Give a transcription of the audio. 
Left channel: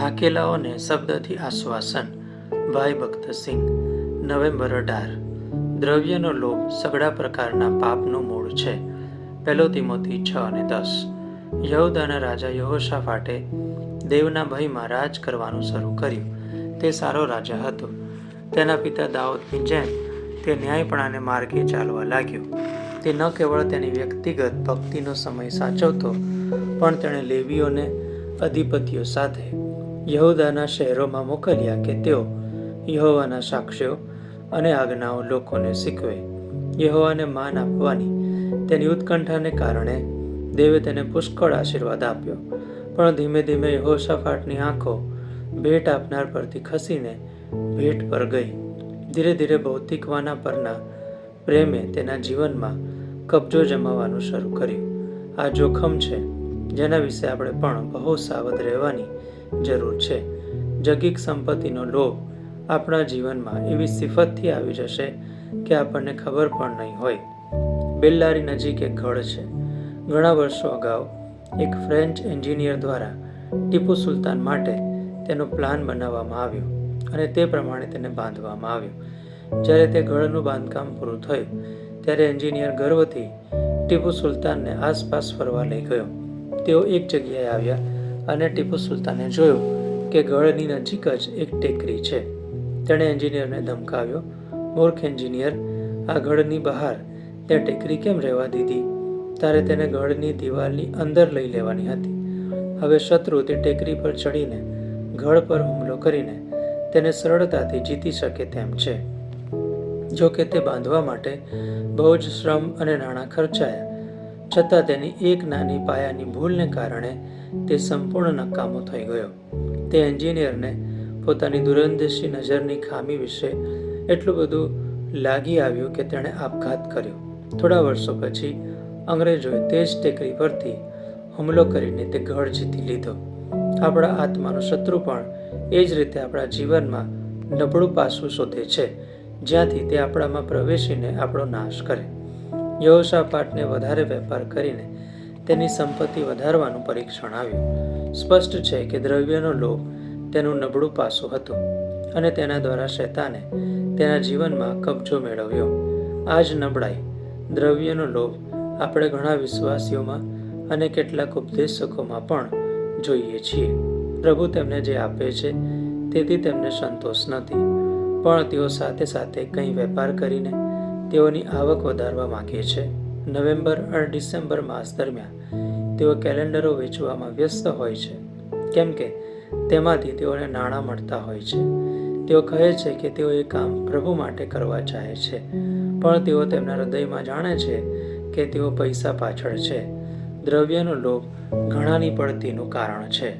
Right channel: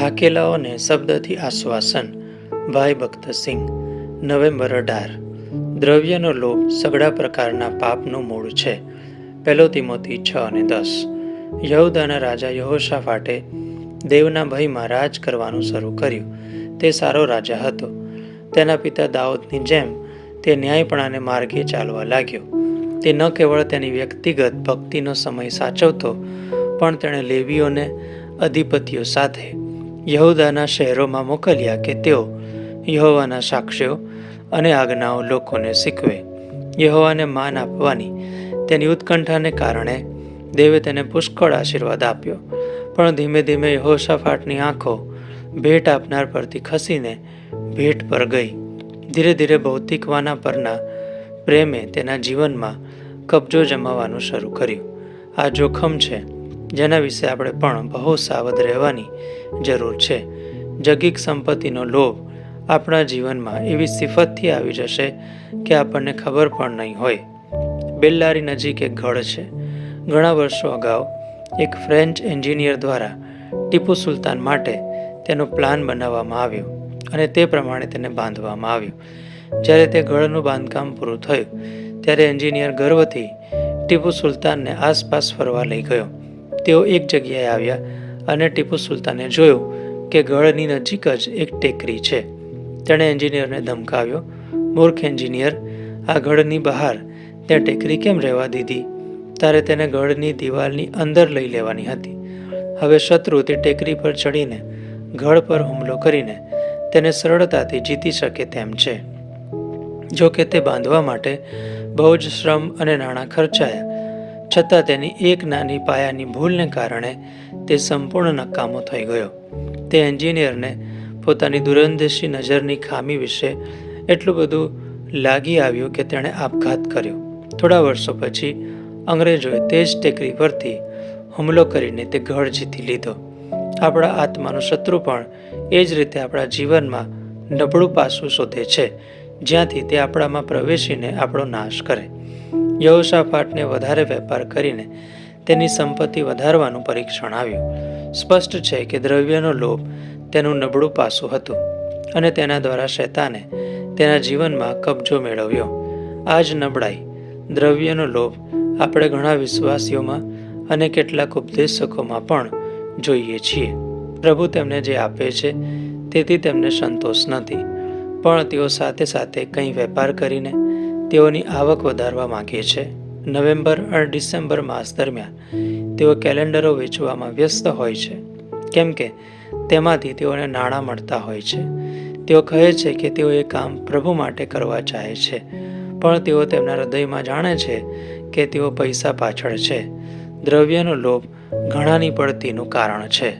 થાકેલાઓને શબ્દથી આશ્વાસન. ભાઈ ભક્તસિંહ. નવેમ્બર 18. દ્રવ્યનો લોભ સઘળા પ્રકારના પાપનું મૂળ છે. 1 તિમોથી 6:10. યહૂદાના રાજા યહોશાફાટે દેવના ભયમાં રાજ કરવાનું શરૂ કર્યું. તે સારો રાજા હતો. તેના પિતા દાઉદની જેમ તે ન્યાયપણાને માર્ગે ચાલવા લાગ્યો. તે ન કેવળ તેની વ્યક્તિગત ભક્તિનો સમય સાચવતો, પણ તેણે લેવીઓને અધિપતિઓ સાથે યહૂદાના શહેરોમાં મોકલ્યા કે તેઓ યહોવાના સાક્ષ્યો અને આજ્ઞાઓ લોકોને શીખવે. યહોવાને માન આપવાની તેની ઉત્કંઠાને કારણે દેવે તેને પુષ્કળ આશીર્વાદ આપ્યો. પણ ધીમે ધીમે યહોશાફાટની આંખો ભેટ આપનાર પરથી ખસીને ભેટ પર ગઈ. ધીરે ધીરે ભૌતિકવાના પરના પ્રેમે તેના જીવનમાં કબજો જમાવવાનું શરૂ કર્યું. આ જોખમ છે જેના વિશે આપણે પણ બહુ સાવધ રહેવાની જરૂર છે. જગીક સંપત્તિનો લોભ આપણા જીવનમાં એવી સિફતથી આવી જશે કે આપણને ખબર પણ નહીં હોય. બેલ્લારી નજીક એક ગઢ છે. ઘણા વર્ષો અગાઉ એક ફ્રેન્ચ એન્જિનિયર દ્વારા ટીપુ સુલતાન માટે તેનો પ્લાન બનાવવામાં આવ્યો અને તે પ્રમાણે તેને બાંધવામાં આવ્યું. જ્યારે તે ગઢનું બાંધકામ પૂરું થયું ત્યારે એન્જિનિયર ગર્વથી ટીપુ સુલતાનને આસપાસ ફરવા લઈ ગયો. તેઓ એક જગ્યાએ આવ્યા અને ટીપુ સુલતાને જોયું કે ગઢની નજીક જ એક ટેકરી છે. તેણે એન્જિનિયરને ધમકાવ્યો, મૂર્ખ એન્જિનિયર, આ ગઢની બહાર ત્યાં ટેકરી કેમ રહેવા દીધી? તારે તેને ગઢની દિવાલની અંદર લઈ લેવાની હતી. હવે શત્રુ તે ટેકરી પર ચડીને ગઢ પર હુમલો કરીને તેને સરળતાથી જીતી શકે તેમ છે. જો કે તે બાંધવા માટે બહુ જ શ્રમ અને નાણાં ખર્ચાયા, છતાં તેની એક નાની પાયાની ભૂલને કારણે તે સંપૂર્ણ નકામો થઈ ગયો. તે એન્જિનિયરને પોતાની દૂરંદેશી નજરની ખામી વિશે એટલું બધું લાગી આવ્યું કે તેણે આપઘાત કર્યો. થોડા વર્ષો પછી અંગ્રેજોએ તે જ ટેકરી પરથી હુમલો કરીને તે ગઢ જીતી લીધો. આપણા આત્માનો શત્રુ પણ એ જ રીતે આપણા જીવનમાં નબળું પાસું શોધે છે, જ્યાંથી તે આપણામાં પ્રવેશીને આપણો નાશ કરે. યહોશાફાટને વધારે વેપાર કરીને તેની સંપત્તિ વધારવાનું પરીક્ષણ આવ્યું. સ્પષ્ટ છે કે દ્રવ્યનો લોભ તેનું નબળું પાસું હતું અને તેના દ્વારા શૈતાને તેના જીવનમાં કબજો મેળવ્યો. આ જ નબળાઈ, દ્રવ્યનો લોભ, આપણે ઘણા વિશ્વાસીઓમાં અને કેટલાક ઉપદેશકોમાં પણ જોઈએ છીએ. પ્રભુ તેમને જે આપે છે તેથી તેમને સંતોષ નથી, પણ તેઓ સાથે સાથે કંઈ વેપાર કરીને તેઓની આવક વધારવા માંગે છે. નવેમ્બર અને ડિસેમ્બર માસ દરમિયાન તેઓ કેલેન્ડરો વેચવામાં વ્યસ્ત હોય છે, કેમ કે તેમાંથી તેઓને નાણાં મળતા હોય છે. તેઓ કહે છે કે તેઓ એ કામ પ્રભુ માટે કરવા ચાહે છે, પણ તેઓ તેમના હૃદયમાં જાણે છે કે તેઓ પૈસા પાછળ છે. દ્રવ્યનો લોભ ઘણાની પડતીનું કારણ છે.